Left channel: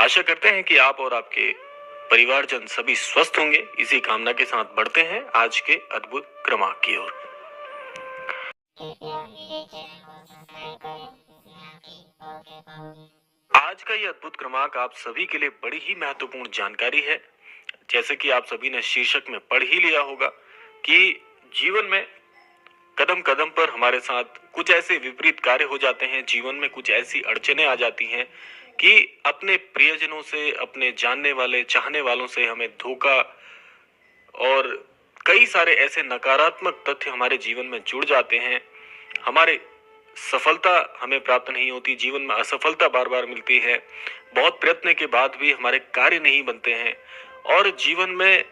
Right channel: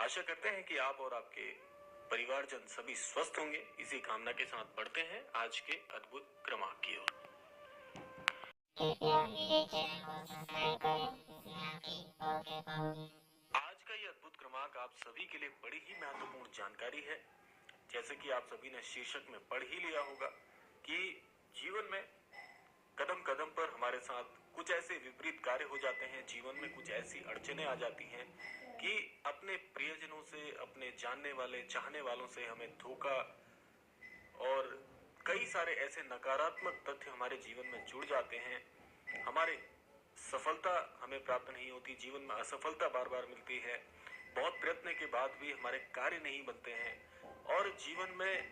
आशा करते हैं कि आप और आपके परिवारजन सभी स्वस्थ होंगे। इसी कामना के साथ बढ़ते हैं आज के अद्भुत क्रमांक की ओर। आज का ये अद्भुत क्रमांक आप सभी के लिए बड़ी ही महत्वपूर्ण जानकारी है। जैसे कि आप सभी ने शीर्षक में पढ़ ही लिया होगा कि जीवन में कदम कदम पर हमारे साथ कुछ ऐसे विपरीत कार्य हो जाते हैं, जीवन में कुछ ऐसी अड़चने आ जाती हैं कि अपने प्रियजनों से, अपने जानने वाले, चाहने वालों से हमें धोखा और कई सारे ऐसे नकारात्मक तथ्य हमारे जीवन में जुड़ जाते हैं। हमारे सफलता हमें प्राप्त नहीं होती, जीवन में असफलता बार बार मिलती है, बहुत प्रयत्न के बाद भी हमारे कार्य नहीं बनते हैं और जीवन में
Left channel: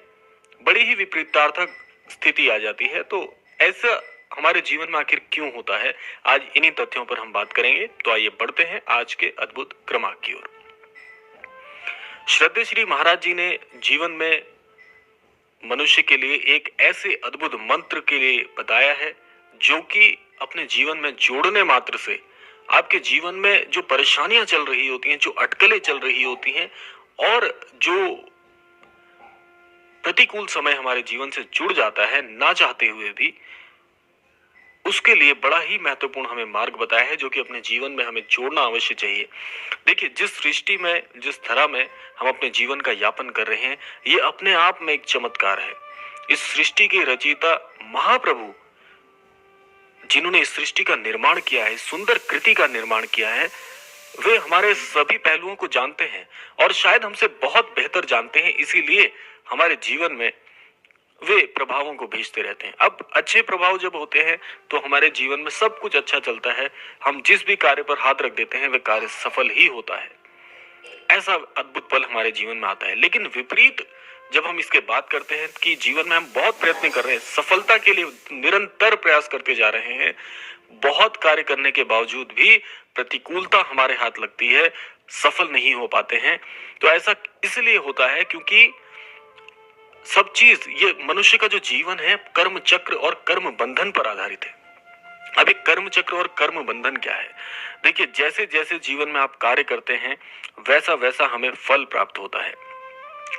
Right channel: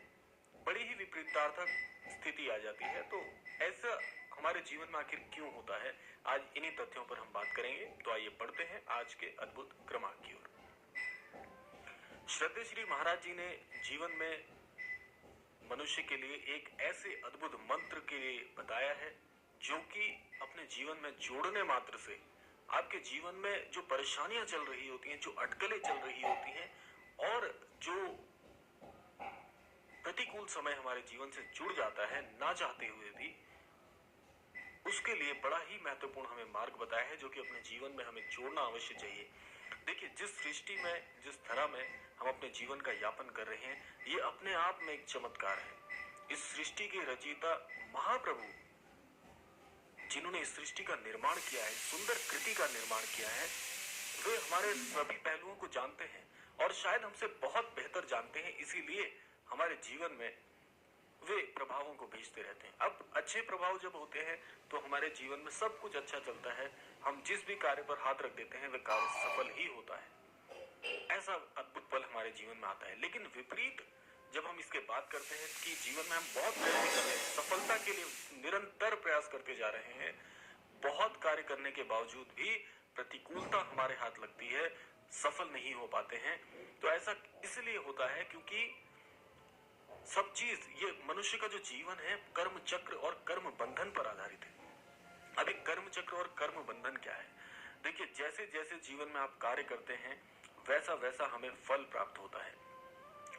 बड़ी ही विपरीतार्थक स्थिति आ जाती है। तो ऐसा हमारे जीवन में आखिर क्यों होता है, आज इन्हीं तथ्यों पर हम बात करेंगे। तो आइए बढ़ते हैं आज के अद्भुत क्रमांक की ओर। श्रद्धेय श्री महाराज जी ने जीवन में मनुष्य के लिए एक ऐसे अद्भुत मंत्र के लिए बताया है जो कि अपने जीवन में जोड़ने मात्र से आपके जीवन में जो परेशानियां चल रही होती हैं, जो अटकलें चल रही होती हैं और जो प्रतिकूल समय हमारे जीवन से जुड़ जाता है ना चाहते हुए भी, उसके लिए बड़ा ही महत्वपूर्ण हमें मार्ग बताया है जो कि अपने जीवन में हमें जोड़ना अवश्य चाहिए। देखिए, जिस सृष्टि में, जिस तरह में हम अपने जीवन का यापन कर रहे हैं, ये अपने आप में एक चमत्कार है। इस सृष्टि के रचयिता महाप्रभु जिन्होंने इस सृष्टि का निर्माण किया है, सुंदर कृति का निर्माण किया है, वे हमारे सभी पहलुओं को जानते हैं और शायद हमसे बहुत बेहतर जानते हैं। इसीलिए हमारे जीवन में वे प्रभावों को भेजते रहते हैं। अब अच्छे प्रभाव जब होते हैं तो हमारे जीवन में सब कुछ अच्छा चलता है, हम जिस भी कार्य पर हाथ रख देते हैं वह कार्य सफल ही होता है। ऐसा अद्भुत पल हमारे जीवन में आता है। लेकिन विपरीत जब हम इसके बात करते हैं कि जीवन में हम बहुत प्रयत्न कर रहे हैं, सफलता के लिए निरंतर प्रयास करते जा रहे हैं, बहुत कार्य करने के बावजूद भी प्रतिकूलता हमारे हाथ लगती है, सफल नहीं हो पाते हैं। तो ऐसा इसलिए होता है क्योंकि सब चीज, ये मनुष्य का जो जीवन है कर्म चक्र और कर्म बंधन पर आधारित है। अब एक कर्म चक्र और कर्म बंधन क्या है? देखिए, जैसे जैसे जीवन में आप कार्य करते हैं वैसा वैसा हमें फल प्राप्त होता है।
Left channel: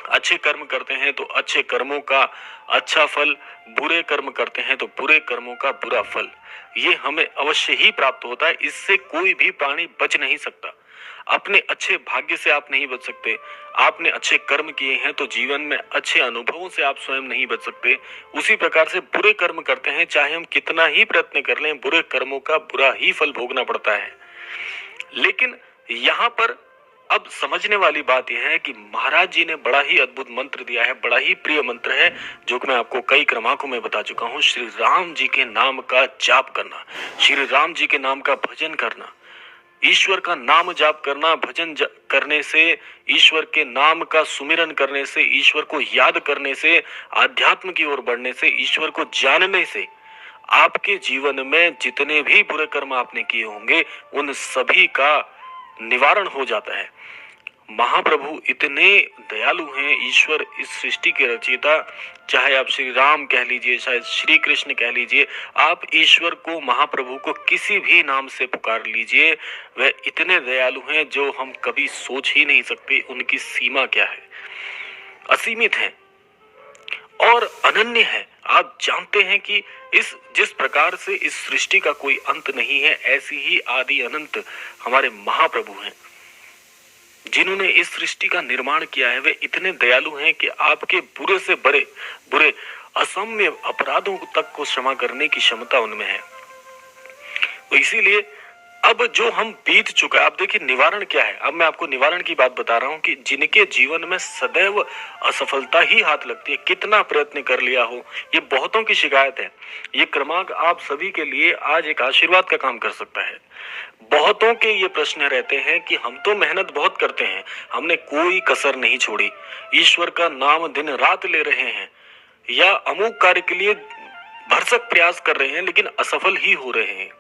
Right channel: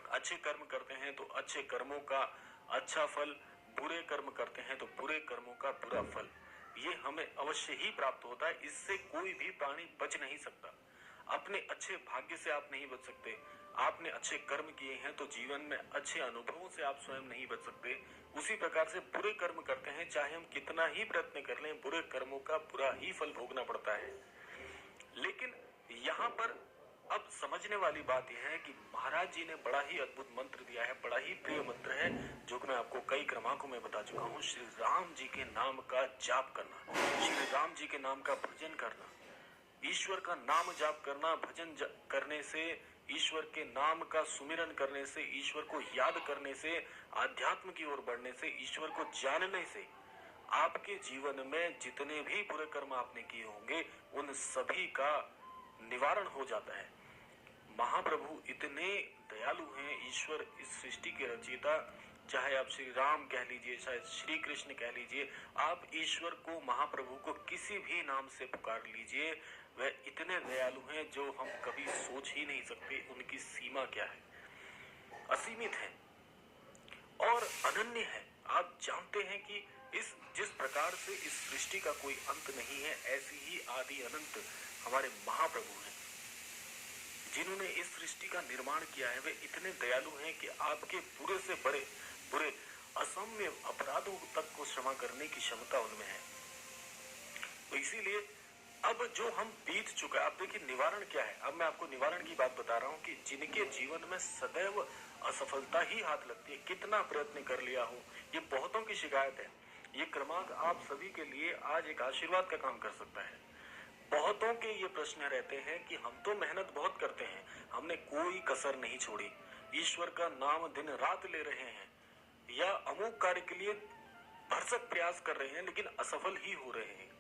अच्छे कर्म करते हैं तो अच्छे कर्मों का अच्छा फल, बुरे कर्म करते हैं तो बुरे कर्मों का बुरा फल, ये हमें अवश्य ही प्राप्त होता है। इससे कोई भी प्राणी बच नहीं सकता। अपने अच्छे भाग्य से आप नहीं बच सकते। आपने अच्छे कर्म किए हैं तो जीवन में अच्छे अनुभवों से आप स्वयं नहीं बच सकते। उसी प्रकार से बुरे कर्म करते हैं, चाहे हम कितना ही प्रयत्न कर लें, बुरे कर्मों का बुरा ही फल भोगना पड़ता है। लेकिन यहाँ पर अब समझने वाली बात यह है कि महाराज जी ने बड़ा ही अद्भुत मंत्र दिया है, बड़ा ही प्रिय मंत्र है जो कि मैं आपको कई क्रमांकों में बता चुका हूँ। श्री राम जी के नाम का जाप करना, श्री राम जी के नाम का भजन करना, ईश्वर का नाम जाप करना, भजन करने से, ईश्वर के नाम का सुमिरन करने से, ईश्वर को याद करने से, आध्यात्म की ओर बढ़ने से, ईश्वर को जानने से आपके जीवन में जितने भी बुरे कर्म आपने किए होंगे उन सभी का निवारण हो जाता है। महाप्रभु इतने दयालु हैं, ईश्वर इस सृष्टि के रचयिता, चाहे आप श्री राम कह लीजिए, चाहे श्री कृष्ण कह लीजिए, आप ईश्वर को, महाप्रभु को किसी भी नाम से पुकार लीजिए, वह इतने दयालु हैं जो हम कभी सोच ही नहीं सकते। उनकी सीमा क्या है, असीमित है और अनन्य है। आप जानते हैं कि जिस प्रकार से इस सृष्टि का कोई अंत नहीं है, ऐसी ही आदि अनंत हमारे महाप्रभु हैं जिन्होंने इस सृष्टि का निर्माण किया है। वे इतने दयालु हैं कि आपके बुरे से बड़े बुरे असम्य अपराधों तक को क्षमा करने की क्षमता उनमें है। तो इसीलिए अब जो हम बीत चुका है, आप देखिए निवारण क्या है। अब मैं आपको निवारण की बात बता रहा हूं कि जिनके जीवन में सदैव असफलता ही हाथ लगती है, कितना प्रयत्न कर लिया हो, ये बहुतों की शिकायत है। ये क्रमांक आप सभी के लिए आज एक आशीर्वाद का काम कर सकता है। बहुतों के ये प्रश्न रहते हैं कि हम तो मेहनत बहुत करते हैं, हमने कोई कसर नहीं छोड़ी, ईश्वर का नाम दिन रात ले रहे हैं या अमुक कार्य के लिए भरसक प्रयास कर रहे हैं लेकिन असफल ही हो रहे हैं।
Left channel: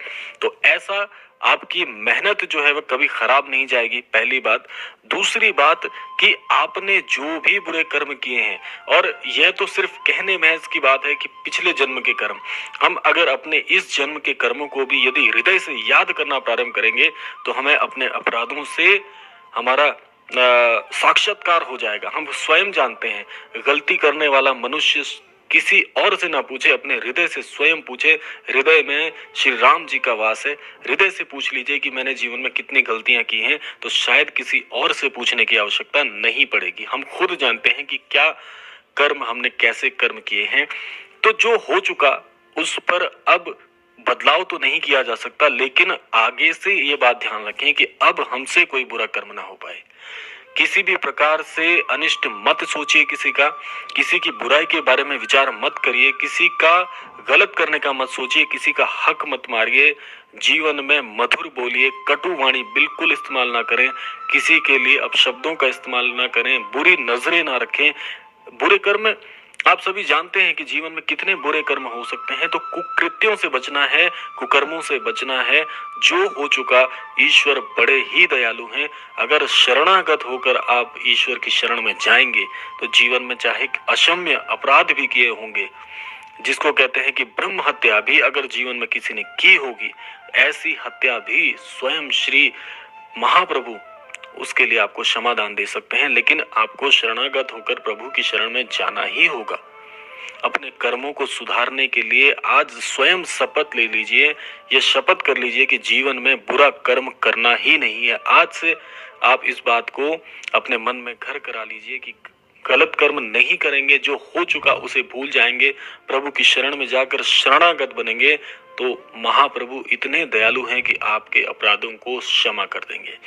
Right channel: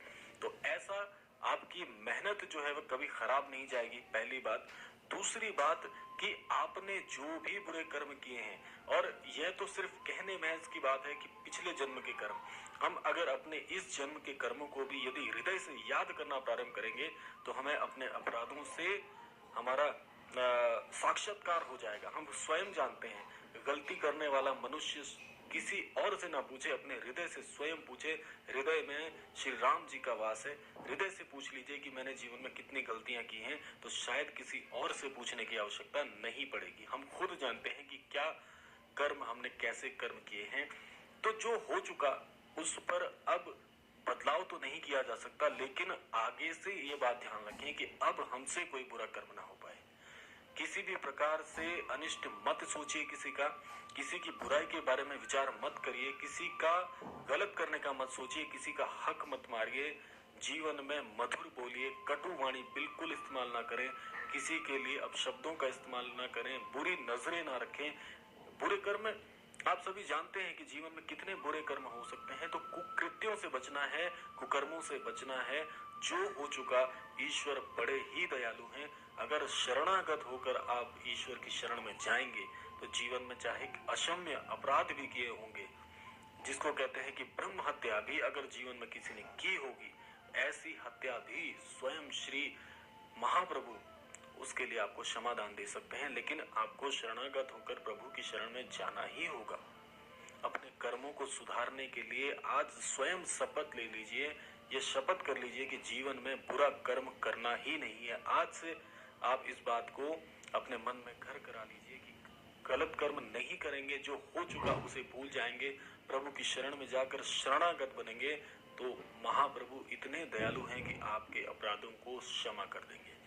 तो ऐसा आपकी मेहनत जो है वह कभी खराब नहीं जाएगी, पहली बात। दूसरी बात कि आपने जो भी बुरे कर्म किए हैं, और यह तो सिर्फ कहने महज की बात है कि पिछले जन्म के कर्म, हम अगर अपने इस जन्म के कर्मों को भी यदि हृदय से याद करना प्रारंभ करेंगे तो हमें अपने अपराधों से हमारा साक्षात्कार हो जाएगा। हम स्वयं जानते हैं गलती करने वाला मनुष्य किसी और से ना पूछे, अपने हृदय से स्वयं पूछे। हृदय में श्री राम जी का वास है। हृदय से पूछ लीजिए कि मैंने जीवन में कितनी गलतियां की हैं, तो शायद किसी और से पूछने की आवश्यकता नहीं पड़ेगी। हम खुद जानते हैं कि क्या कर्म हमने कैसे कर्म किए हैं। तो जो हो चुका उस पर अब बदलाव तो नहीं किया जा सकता, लेकिन आगे से ये बात ध्यान रखें कि अब हमसे कोई बुरा कर्म ना हो पाए। किसी भी प्रकार से अनिष्ट मत सोचिए, किसी की बुराई के बारे में विचार मत करिए, किसी का गलत करने का मत सोचिए, किसी का हक मत मारिए। जीवन में मधुर बोलिए, कटु वाणी बिल्कुल इस्तेमाल ना करें, किसी के लिए अपशब्दों का इस्तेमाल ना करें, बुरी नजरें ना रखें। बुरे कर्म, आप सभी जानते हैं कि जीवन में कितने बुरे कर्म हो सकते हैं। तो कुकृत्यों से बचना है, कुकर्मों से बचना है। जो हो चुका, ईश्वर बड़े ही दयालु हैं। अगर शरणागत होकर आप ईश्वर की शरण में जाएंगे तो जीवन में चाहे अक्षम्य अपराध भी किए होंगे, जिसको कहते हैं कि ब्रह्म हत्या भी अगर जीवन में किसी ने की होगी, ऐसी हत्या भी स्वयं श्री महाप्रभु उसके लिए आपको क्षमादान दे सकते हैं। लेकिन आपको शरणागत होकर प्रभु की शरण में जाना ही होगा। अपने कर्मों को सुधारने के लिए आज स्वयं शपथ ले लीजिए, यह शपथ कर लीजिए कि जीवन में बुरा कर्म करना ही नहीं है। आज से आप इस बात को अपने मन में घर करा लीजिए कि गलत कर्म नहीं करेंगे, जो हो चुका उसे भूल जाएंगे, प्रभु की शरण में जाकर शरणागत बनेंगे। तो महाप्रभु इतने दयालु हैं कि आपके अपराधों को क्षमा कर देंगे।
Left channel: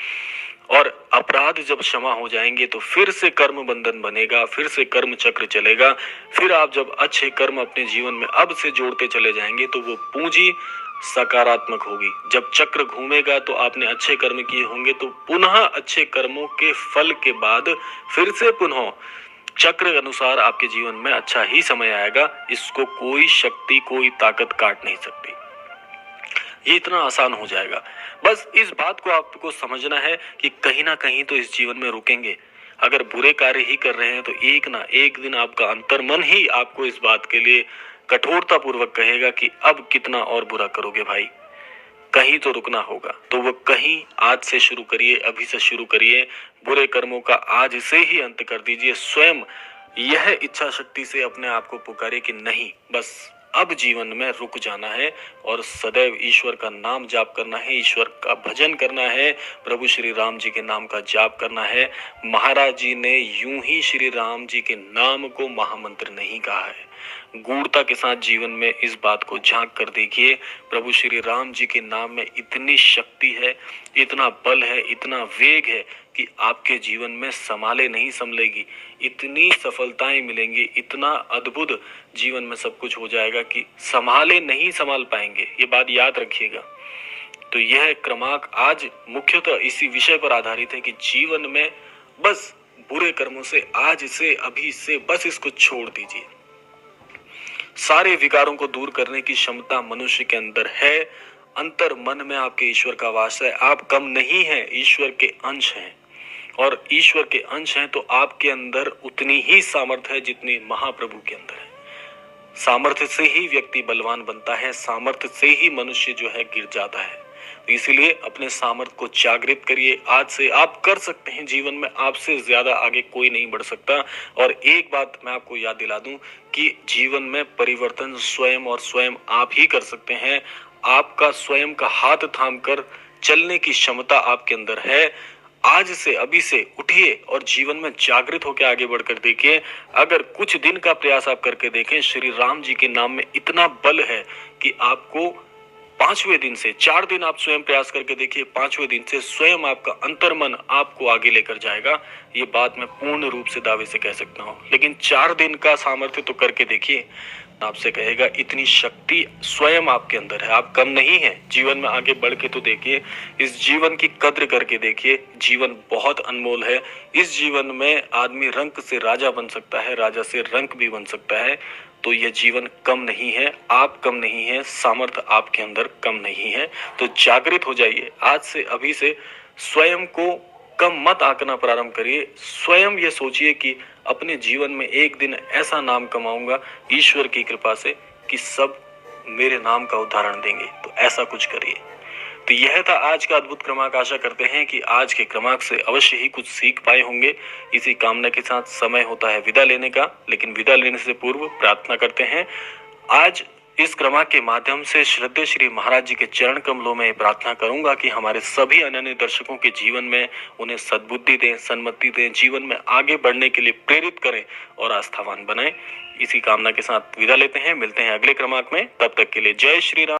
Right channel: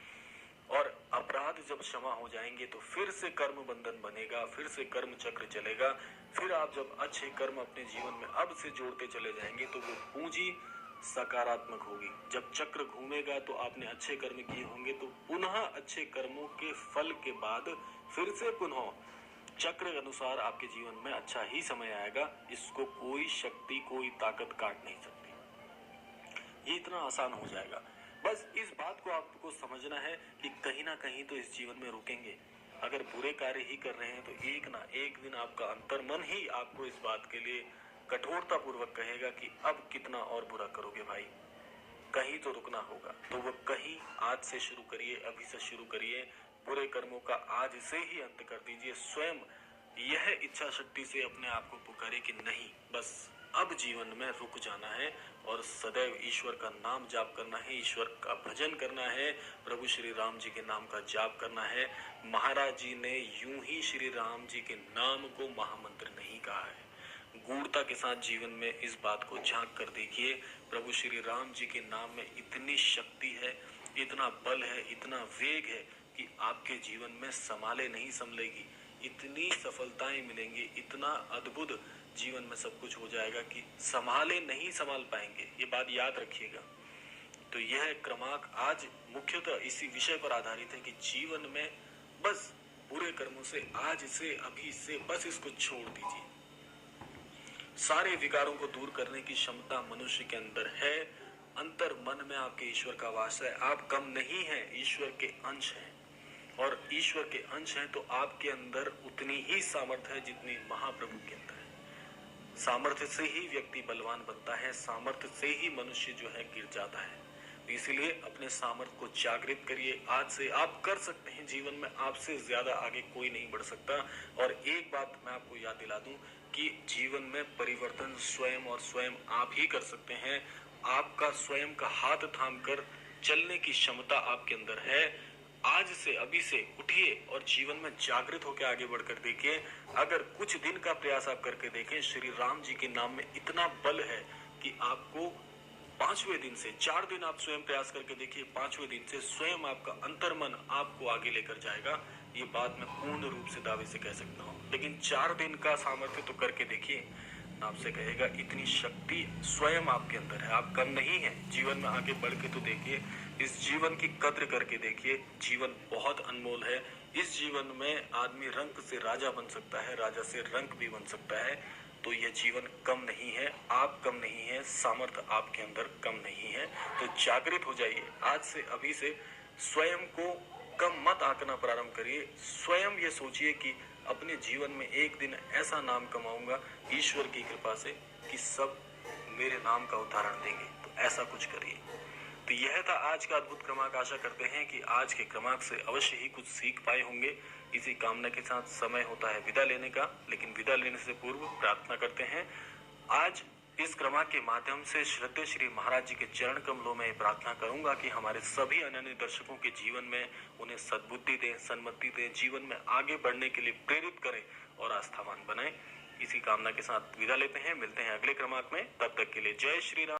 और अपराध जब क्षमा हो जाएंगे तो फिर से कर्म बंधन बनेगा, फिर से कर्म चक्र चलेगा। फिर आप जब अच्छे कर्म अपने जीवन में अब से जोड़ते चले जाएंगे तो वो पूंजी सकारात्मक होगी। जब चक्र घूमेगा तो आपने अच्छे कर्म किए होंगे, तो पुनः अच्छे कर्मों के फल के बाद फिर से पुनः चक्र अनुसार आपके जीवन में अच्छा ही समय आएगा। इसको कोई शक्ति, कोई ताकत काट नहीं सकती। ये इतना आसान हो जाएगा। बस इस बात को आपको समझना है कि कहीं ना कहीं तो इस जीवन में रुकेंगे। अगर बुरे कार्य ही कर रहे हैं तो एक ना एक दिन आपका अंतर्मन ही आपको इस बात के लिए कठोरता पूर्वक कहेगा कि अब कितना और बुरा करोगे भाई, कहीं तो रुकना होगा। तो वो कहीं आज से शुरू करिए, अभी से शुरू करिए। बुरे कर्मों का आज से ही अंत कर दीजिए। स्वयं यह इच्छा शक्ति से अपने आप को पुकारे कि नहीं, बस अब जीवन में रुक जाना है और सदैव ईश्वर का नाम जाप करना है, ईश्वर का भजन करना है, प्रभु श्री राम जी के नाम का जाप करना है। महाराज जी ने यूं ही श्री राम जी के नाम को महामंत्र नहीं कहा है। गूढ़ता के साथ जीवन में इस बात को झांक कर देखिए। प्रभु श्री राम जी के नाम में इतनी शक्ति है, इतना बल है, इतना वेग है कि आपके जीवन में संभाले नहीं संभलेगी। इतनी सफलताएं मिलेंगी, इतना अद्भुत जीवन में सब कुछ हो जाएगा कि संभाले नहीं संभाल पाएंगे। ये बात याद रखिएगा। तो यह क्रमांक आज मुख्यतः इसी विषय पर आधारित है कि जीवन में बस बुरे कर्मों से आज से, अभी से बस इसको छोड़ दीजिए। सारे विकारों को दूर करने की क्षमता मनुष्य के अंदर है। अंतर मन में आपके ईश्वर का वास है। आप कम नहीं हैं, ईश्वर के अंश हैं। और ईश्वर के अंश हैं तो आपके अंदर उतनी ही सामर्थ्य है जितनी महाप्रभु के अंदर है। सामर्थ्य से ही व्यक्ति बलवान बनता है, सामर्थ्य से ही मनुष्य जो है गिर जाता है। इसीलिए अपने सामर्थ्य को जागृत करिए। आज से आप कर सकते हैं। जीवन में आपसे ज्यादा आगे कोई नहीं बढ़ सकता। और एक बात मैं आपको याद दिला दूं कि जीवन में परिवर्तन स्वयं और स्वयं आप ही कर सकते हैं। आपका स्वयं का हाथ थामकर चलने की क्षमता आपके अंदर है। आज से, अभी से उठिए और जीवन में जागृत होकर आगे बढ़कर देखिए। अगर कुछ दिन का प्रयास आप करके देखें, श्री राम जी के नाम में इतना बल है कि आपको 5वें दिन से, 4 दिन आप स्वयं प्रयास करके देखिए, 5वें दिन से स्वयं आपका अंतर्मन आपको आगे लेकर जाएगा। ये बात मैं पूर्ण रूप से दावे से कह सकता हूँ। लेकिन 4 दिन का सामर्थ्य तो करके देखिए, आपसे कहेगा इतनी शक्ति स्वयं आपके अंदर है। आप कम नहीं है। जीवन में आगे बढ़ के तो देखिए, इस जीवन की कद्र करके देखिए। जीवन बहुत अनमोल है। इस जीवन में आदमी रंक से राजा बन सकता है, राजा से रंक भी बन सकता है। तो यह जीवन कम नहीं है, आप कम नहीं है, सामर्थ्य आपके अंदर कम नहीं है। तो जागृत हो जाइए। आज से, अभी से स्वयं को कम मत आंकना प्रारंभ करिए। स्वयं ये सोचिए कि अपने जीवन में एक दिन ऐसा नाम कमाऊंगा ईश्वर की कृपा से कि सब मेरे नाम का उदाहरण देंगे। तो ऐसा कुछ करिए। तो यह था आज का अद्भुत क्रमांक। आशा करते हैं कि आज के क्रमांक से अवश्य ही कुछ सीख पाए होंगे। इसी कामना के साथ समय होता है विदा लेने का, लेकिन विदा लेने से पूर्व प्रार्थना करते हैं। आज इस क्रमांक के माध्यम से श्रद्धेय श्री महाराज जी के चरण कमलों में प्रार्थना करूंगा कि हमारे सभी अनन्य दर्शकों के जीवन में उन्हें सद्बुद्धि दें, सन्मति दें, जीवन में आगे बढ़ने के लिए प्रेरित करें और आस्थावान बनाएं। इसी कामना के साथ विदा लेते हैं। मिलते हैं अगले क्रमांक में, तब तक के लिए जय श्री राम।